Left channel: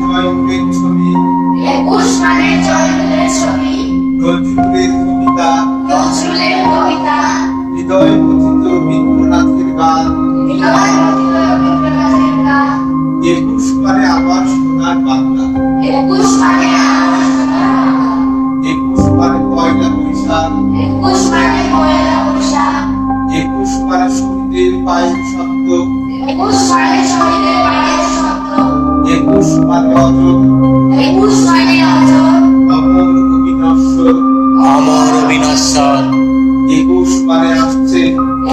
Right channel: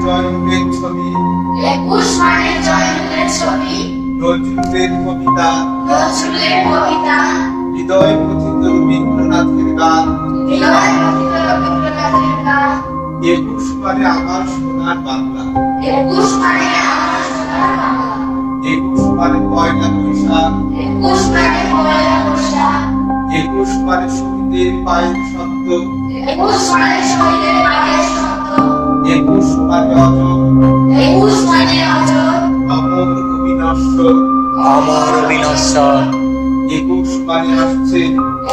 মানে ছবি। একুশ মানে জয়যুগের ছবি। নজরুলের কবিতা। নজরুলের কবিতা। হৃদয় পথিত রবীন্দ্রনাথের গান। হৃদয় পথিত রবীন্দ্রনাথের গান। একুশ মানে আবার সোনার বাংলা। একুশ মানে আমার সোনার বাংলা। একুশ মানে পয়লা বৈশাখ। একুশ মানে পয়লা বৈশাখ। একুশ মানে শহীদের পায়ের শব্দ। একুশ মানে শহীদের পায়ের মানে অজর একুশ মানে অজর অমর অবিনশ্বর অমর অবিনশ্বর একুশ মানে আসছে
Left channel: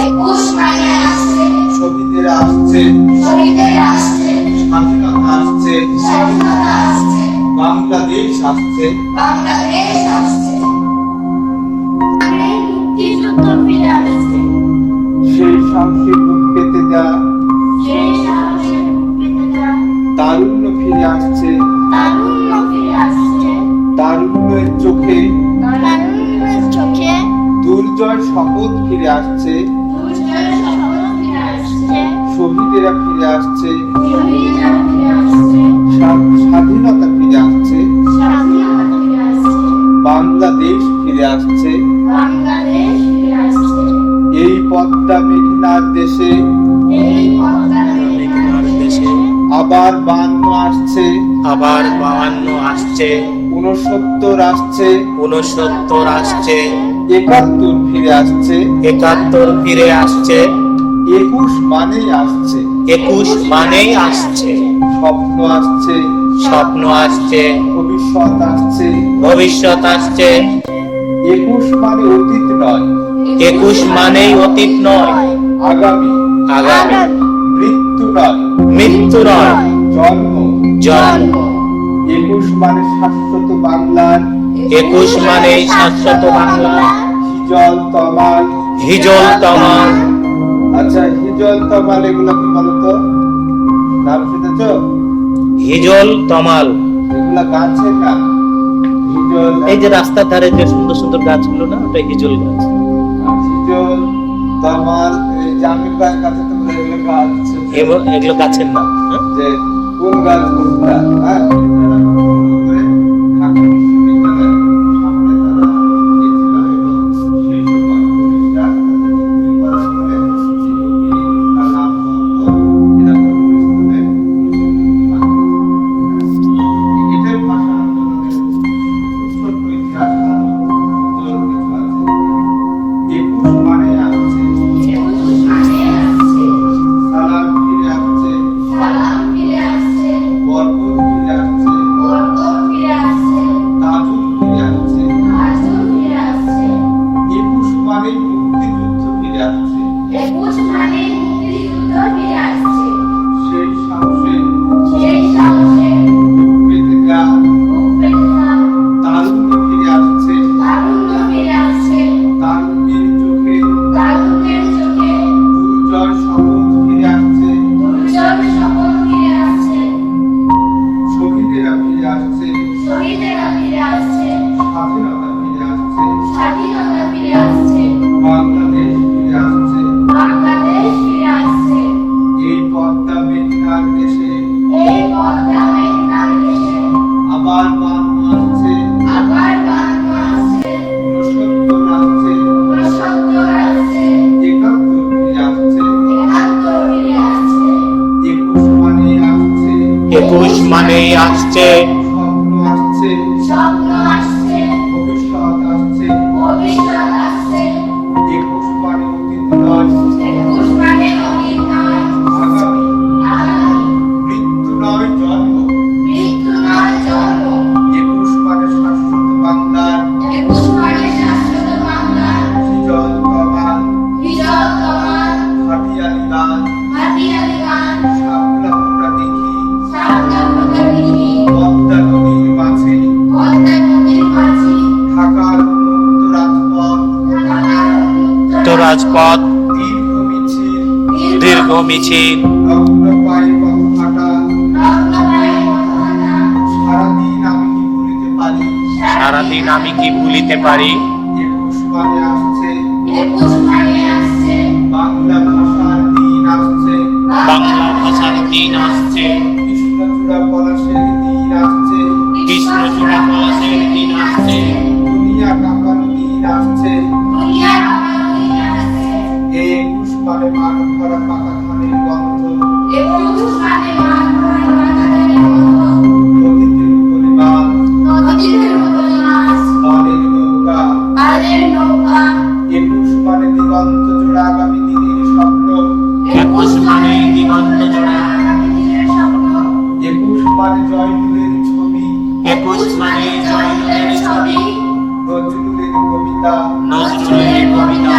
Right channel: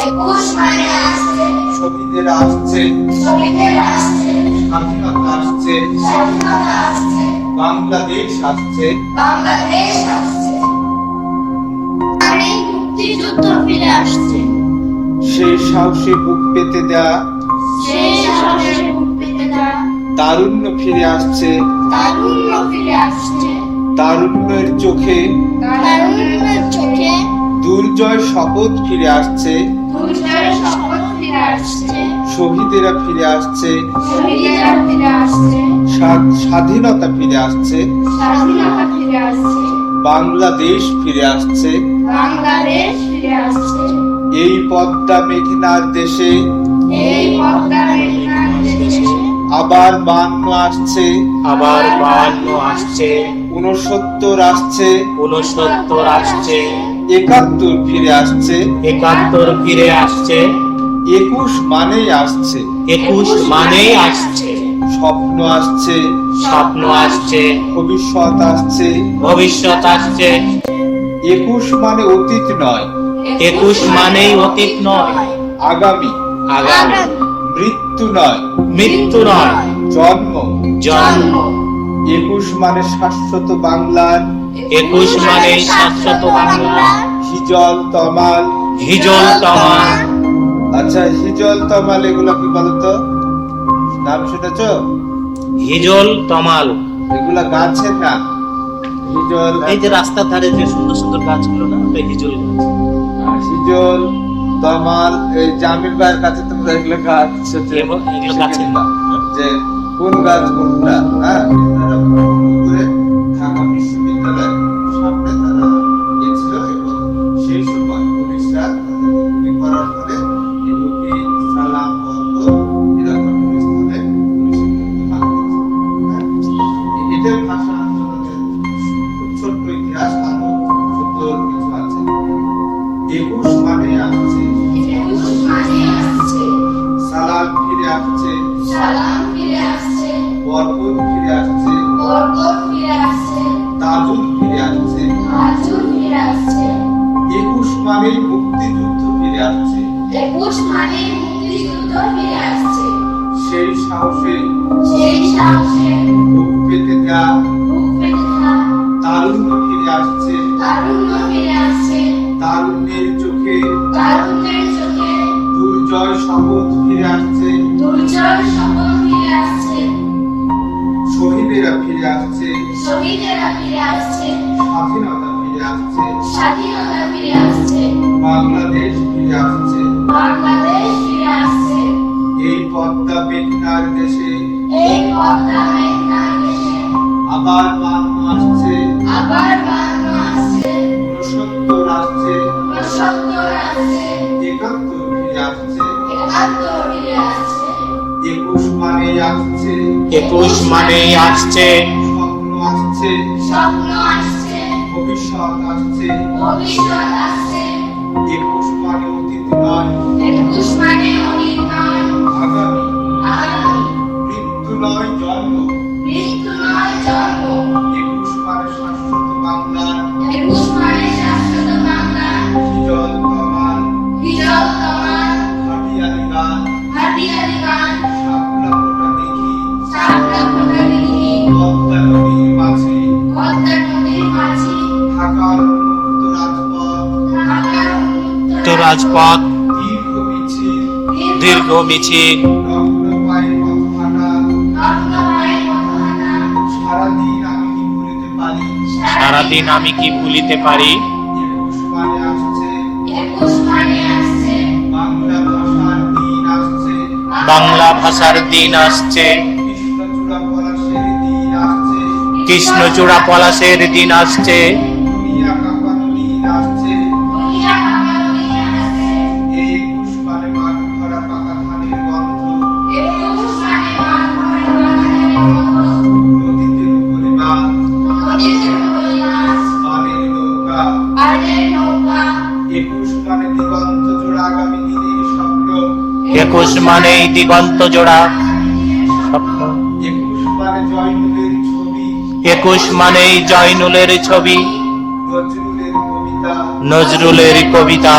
একুশ মানে আসছে শহীদের আসছে শহীদের আসছে স্বাধীনতা আসছে স্বাধীনতা আসছে বাংলাদেশ আসছে বাংলাদেশ আসছে মুক্তিযুদ্ধ ফিরে আসছে। সেই সাহসে বুক পেতে দেয়া। সেই সাহসে তারুণ্য ফিরে আসছে তারুণ্য ফিরে আসছে তারুণ্যের চোখে তারুণ্যের চোখে দুর্জয় শপথ ফিরে আসছে দুর্জয়ের শপথ ফিরে আসছে শহীদেরা ফিরে আসছে শহীদেরা ফিরে আসছে স্বাধীনতা ফিরে আসছে স্বাধীনতা ফিরে আসছে বাংলাদেশ ফিরে আসছে বাংলাদেশ ফিরে আসছে এই পদ্মা মেঘনার দেশে এই পদ্মা মেঘনার দেশে আবার বান্ন আসছে। আবার বাহান্ন আসছে। উনসত্তর আসছে। উনসত্তর আসছে। একাত্তর ফিরে আসছে। একাত্তর ফিরে আসছে। একুশ মানেই আসছে। একুশ মানেই আসছে। স্বপ্ন আসছে। স্বপ্ন আসছে। ভবিষ্যৎ আসছে। ভবিষ্যৎ আসছে। একুশ মানে অতীত নয়। একুশ মানেই অতীত নয়। আগামী। আগামী। মৃত্যু নয়। মৃত্যু নয়। জন্ম। জন্ম। একুশ মানে শাশ্বত বাংলার। একুশ মানে শাশ্বত বাংলা হিজল তমাল। হিজল তমাল। আচ্ছা হিজল তমাল এগুলো কি বলতো? নাম শুনেছ? হিজল তমাল। এগুলা গাছের না হিজল এই যে রাস্তার ধারে যে সুন্দর সুন্দর গাছগুলো না ওটা হিজল গাছ। আর হিজল তমাল এই জামিল ভাইয়ের কাছে তুমি এগুলো গাছ এগুলো- গাছের নাম হ্যাঁ? যে কোন গাছ কোনটা হ্যাঁ বরকত ফিরে আসছে। বরকত ফিরে আসছে। তাজুদ ফিরে আসছে। হাজুর ফিরে আসছে। একুশ মানেই মুক্তিযুদ্ধ ফিরে আসছে। একুশ মানে মুক্তিযুদ্ধ ফিরে আসছে। সেই সাহসে সেই সাহসে বুক পেতে দেয়া বুক পেতে থাকা তারুণ্য ফিরে আসছে। তারুণ্য ফিরে আসছে। তারুণ্যের চোখে তারুণ্যের চোখে দুর্জয় শপথ ফিরে আসছে। দুর্জয় শপথ শহীদেরা ফিরে আসছে। শহীদেরা ফিরে আসছে। স্বাধীনতা ফিরে আসছে। স্বাধীনতা ফিরে আসছে। বাংলাদেশ ফিরে আসছে। বাংলাদেশ ফিরে আসছে। এই পদ্মা মেঘনার দেশে। এই পদ্মা মেঘনার দেশে। আবার বান্ন আসছে আবার বাংলা আসছে উনসত্তর আসছে। উনসত্তর আসছে। একাত্তর ফিরে আসছে। একাত্তর ফিরে আসছে। একুশ মানেই আসছে। স্বপ্ন আসছে। স্বপ্ন আসছে। ভবিষ্যৎ আসছে। ভবিষ্যৎ আসছে। একুশ মানে অতীত নয়। একুশ মানে অতীত নয়। আগামী। আগামী। মৃত্যু নয় জন্ম। রাজপথ। দীর্ঘ মিছিল সারাদিন আমি কি ভুলিতে পারি? বাংলা ভাষার দিন আসছে। কৃষ্ণচূড়া পলাশের দিন আসছে। একুশ মানে পাকা ধানের গন্ধ একুশ মানে মান নদীতে রূপলি মাছ পানের নৌকা একুশ মানে দিগন্ত জোড়া। আগামী দিনের স্বপ্ন একুশ মানেই দিগন্ত জোড়া স্বপ্ন একুশ মানে জয়নুলের ছবি। একুশ মানেই জয়নুলের ছবি। নজরুলের কবিতা। নজরুলের কবিতা।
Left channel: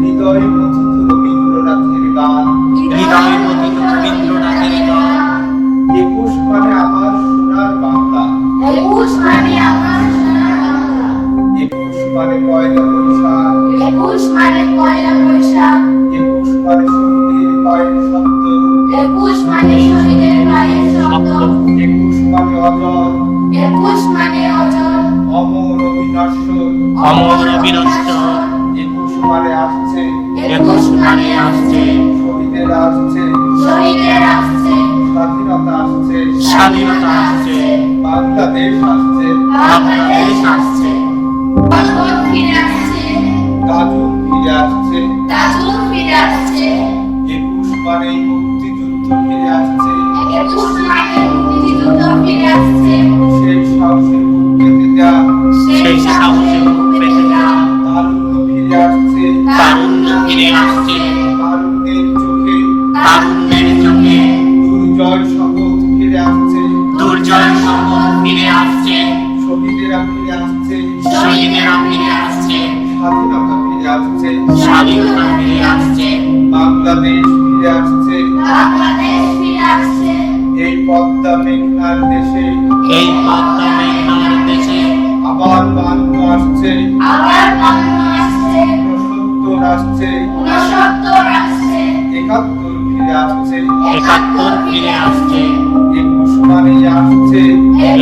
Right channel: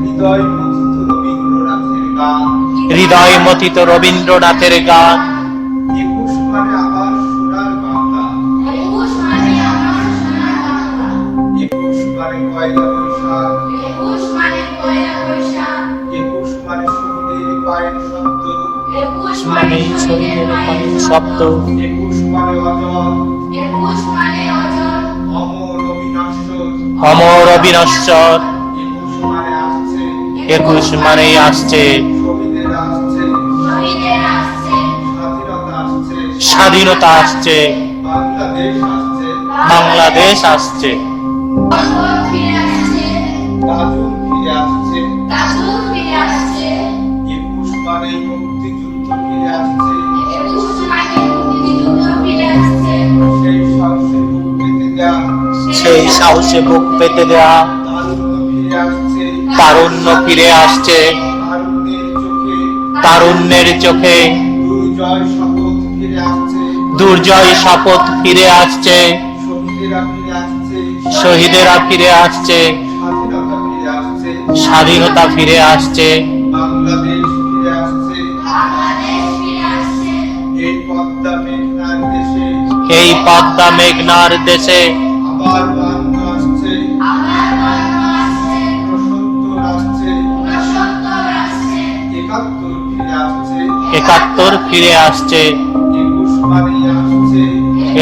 হৃদয় হৃদয় মথিত রবীন্দ্রনাথের গান। একুশ মানে আমার সোনার বাংলা। একুশ মানে আমার সোনার বাংলা। একুশ মানে পয়লা বৈশাখ। একুশ মানে পয়লা বৈশাখ। একুশ মানে শহীদের পায়ের শব্দ। একুশ মানে শহীদের পায়ের শব্দ। শব্দ একুশ মানে অজর একুশ মানে অজর অমর অবিনশ্বর। অমর অবিনশ্বর। একুশ মানে আসছে একুশ মানেই আসছে। স্বাধীনতা আসছে। বাংলাদেশ আসছে। একুশ মুক্তিযুদ্ধ ফিরে আসছে। একুশ মুক্তিযুদ্ধ ফিরে আসছে। সেই সাহসে বুক পেতে দেয়া। সেই সাহসে বুক পেতে দেওয়া তারুণ্য ফিরে আসছে। তারুণ্য ফিরে আসছে। তারুণ্যের চোখে দুর্জয় শপথ ফিরে আসছে। দুর্জয় শপথ ফিরে আসছে শহীদেরা ফিরে আসছে। স্বাধীনতা ফিরে আসছে। স্বাধীনতা ফিরে আসছে বাংলাদেশ ফিরে আসছে। বাংলাদেশ ফিরে আসছে। এই পদ্মা মেঘনার দেশে এই পদ্মা মেঘনার দেশে আবার বাংলা আসছে। আসছে। একাত্তর ফিরে আসছে। একাত্তর ফিরে আসছে। একুশ মানে আসছে।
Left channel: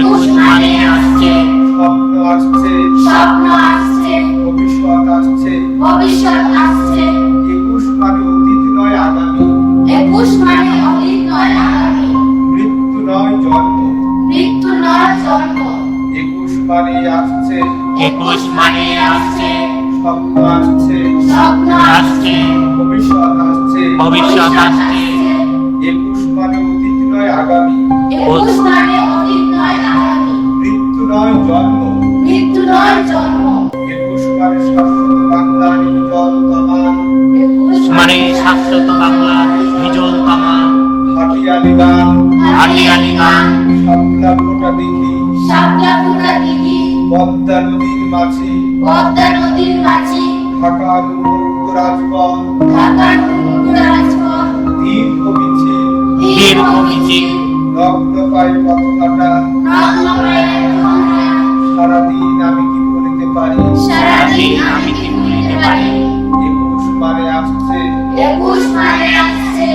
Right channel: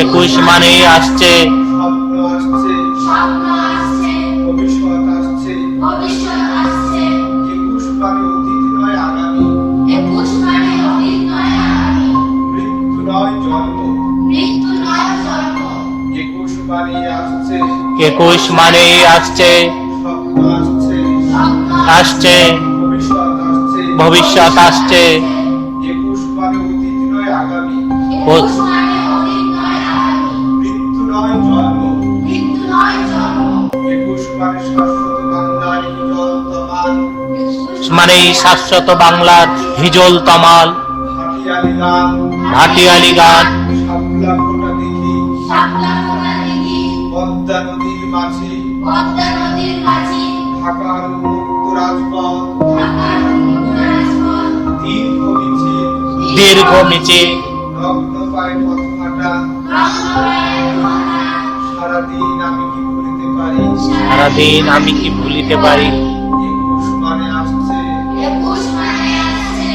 একুশ মানেই আসছে। স্বপ্ন আসছে। স্বপ্ন আসছে। ভবিষ্যৎ আসছে। ভবিষ্যৎ আসছে। একুশ মানে অতীত নয় আগামী। একুশ মানে অতীত নয় আগামী। মৃত্যু নয় জন্ম। মৃত্যু নয় জন্ম। একুশ মানে আসছে। একুশ মানেই আসছে। স্বপ্ন আসছে ভবিষ্যৎ আসছে। একুশ মানে অতীত নয় আগামী। একুশ মানে অতীত নয় আগামী। মৃত্যু নয় জন্ম। মৃত্যু নয় জন্ম। একুশ মানে শাশ্বত বাংলার তমাল। শাশ্বত হিজল তামাল। হাটিয়ালি গান গান শাপলা ফোটা দেখি। শাপলা ফুটা দিঘি পদ্মা নদীর মাঝি। পদ্মা নদীর মাঝি। ঢাকার উন্মুক্ত রাজপথ ঢাকার উন্মুক্ত রাজপথ দীর্ঘ মিছিল দীর্ঘ মিছিল রক্ত পায়ে পথ হাঁটা নগ্ন পায়ের সারাদিন আমি কি বলিতে পারি? সারাদিন আমি কি ভুলিতে পারি? একুশ মানে আসছে। একুশ মানে আসছে।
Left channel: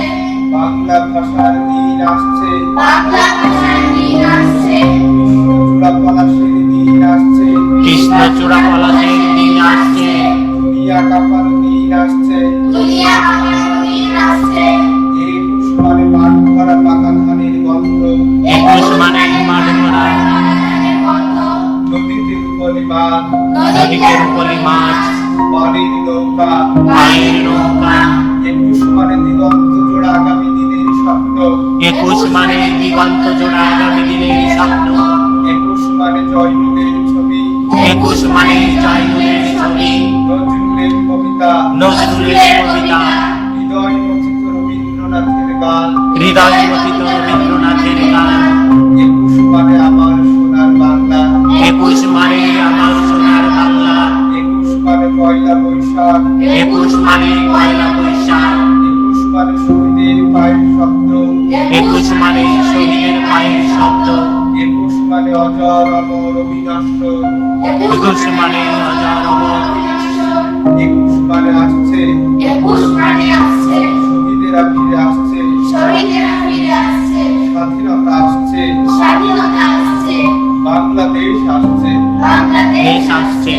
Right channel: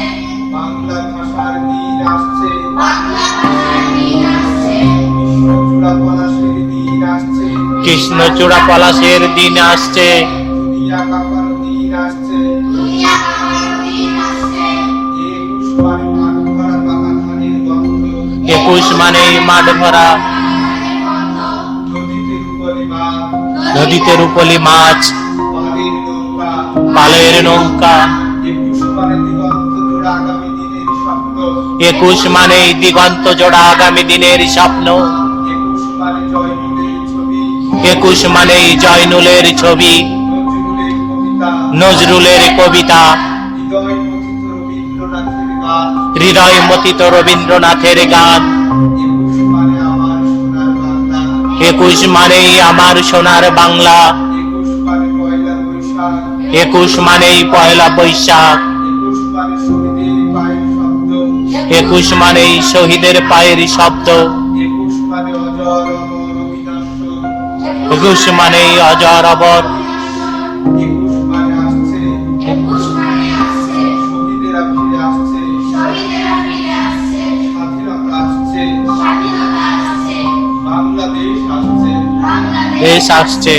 বাংলা ভাষার দিন আসছে। বাংলা ভাষার দিন আসছে। বিষ্ণুচূড়া পলাশের দিন আসছে। কৃষ্ণচূড়া পলাশের দিন আসছে। দুনিয়া কাঁপানো একুশ মানেই মাঠ ভরা। নদীতে রূপলি মাছ। পালের নৌকা। একুশ মানে দিগন্ত জোড়া আগামী দিনের স্বপ্ন। একুশ মানেই দিগন্ত আগামী দিনের স্বপ্ন। একুশ মানে জয়নুলের ছবি। কবিতা। নজরুলের কবিতা। হৃদয় মথিত রবীন্দ্রনাথের গান। একুশ মানে আমার সোনার বাংলা। একুশ মানেই আমার সোনার বাংলা। একুশ মানে পয়লা বৈশাখ। একুশ মানেই পয়লা বৈশাখ। একুশ মানে শহীদের পায়ের শব্দ। একুশ মানেই শহীদের পায়ের শব্দ। একুশ মানে অজর মানেই অবর একুশ মানে আসছে। একুশ মানে আসছে। শহীদেরা ফিরে আসছে। শহীদেরা ফিরে আসছে। স্বাধীনতা আসছে। স্বাধীনতা আসছে। বাংলাদেশ আসছে। বাংলাদেশ দেশ আসছে।